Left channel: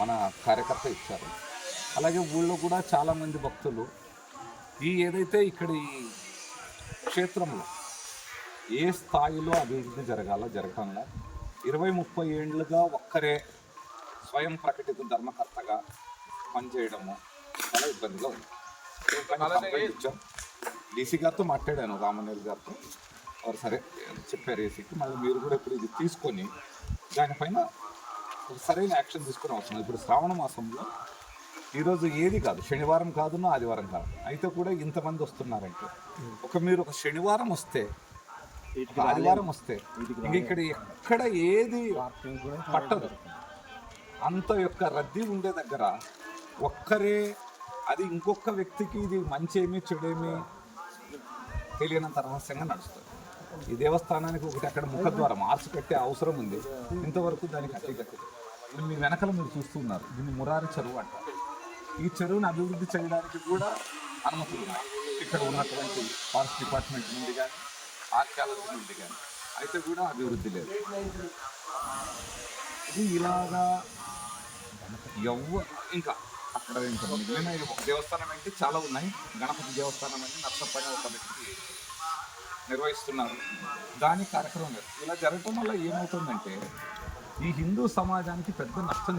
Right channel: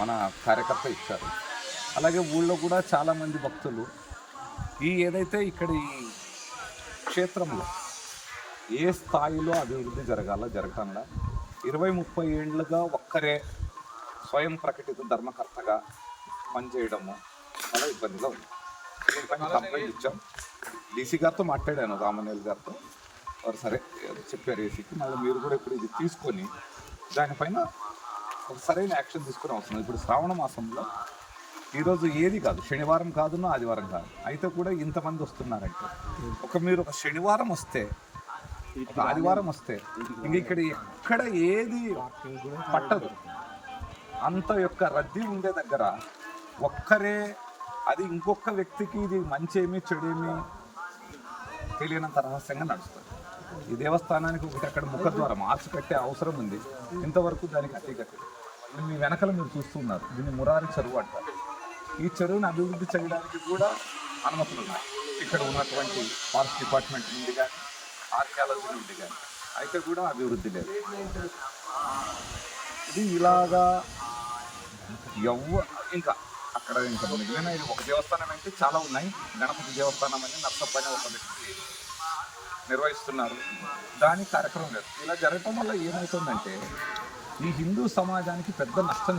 మన కార్యకర్త ఇచ్చారు. అలాగే ఊళ్ళో కూడా చాలామంది భక్తులు ఏదైతే ఇక్కడ ఈ క్షేత్రంలో ఏ స్థాయిలో అభివృద్ధి జరగాల 20-30 ఏళ్ళుగా ఒక్కరే స్వయం ప్రకటిత ధర్మకర్తగా పనిచేయడము చాలా ఇబ్బందిగా ఉంది. దీనిపైన కంప్లైంట్ ఇచ్చాం. డీసీ గారితో మాట్లాడాను, రామనేల్ గారితో. వారు సరే చెప్పారు ఏసీకి. మళ్ళీ మీరు కూడా ఇప్పుడు ఇది తీసుకొని దానిపైన ఒక సరైన యాక్షన్ తీసుకునే అవసరం. ఇప్పుడు శ్రావణ మాసంలో ఈరోజు ఏది కాదు, శనివారం కాదున్నా ఆదివారం కాదు, అయితే కూడా ఇంతమంది వస్తున్నారంటే మీరు ఒక శనివారం వస్తే, ఒక ఆదివారం వస్తే ఇంక ఇక్కడ ఎక్కడ ఏది పట్టదు. అంత యొక్క రద్దీ ఉండే దగ్గర ఒక్కరే, అది ఇంకొక వ్యక్తికి ఇది మంచేమి చెడేమి తెలియనంత రహస్యంగా నడుస్తుంది. ఈ దేవస్థానానికి ఒకటి అక్కడ ముఖద్వారం ఆర్చ్ కట్టే అవసరం ఉంది, ఇంతవరకు దానికి కట్టి. ఇప్పుడు మీ వెనకల మీరు చూస్తున్నారు, దీన్ని మురారి చెరువు అంటారు. ఈ చెరువుని అభివృద్ధి చేయడానికి కూడా అనుమతులు ఉన్నాయి ఇక్కడ ఉన్నటువంటి ఫారెస్ట్ డిపార్ట్మెంట్ నుండి కానీ ఆర్కియాలజీ నుండి కానీ, అయితే కూడా అభివృద్ధి లేదు. ఇది ఇలాగా ఇంకా అక్కడ ఇంకా మిగిలిన ఒక దేవస్థానం అంటే చాలా ఉన్నాయి. గణపతి దేవస్థానం అని నర్సప్ప అని ఒక వ్యక్తి నిర్వహిస్తున్నారు, దాని కార్యక్రమం లేదు. ఇలా జరగటం వల్ల ఏమవుతుందంటే ఈ హిందూ సమాజానికి పెద్ద నష్టం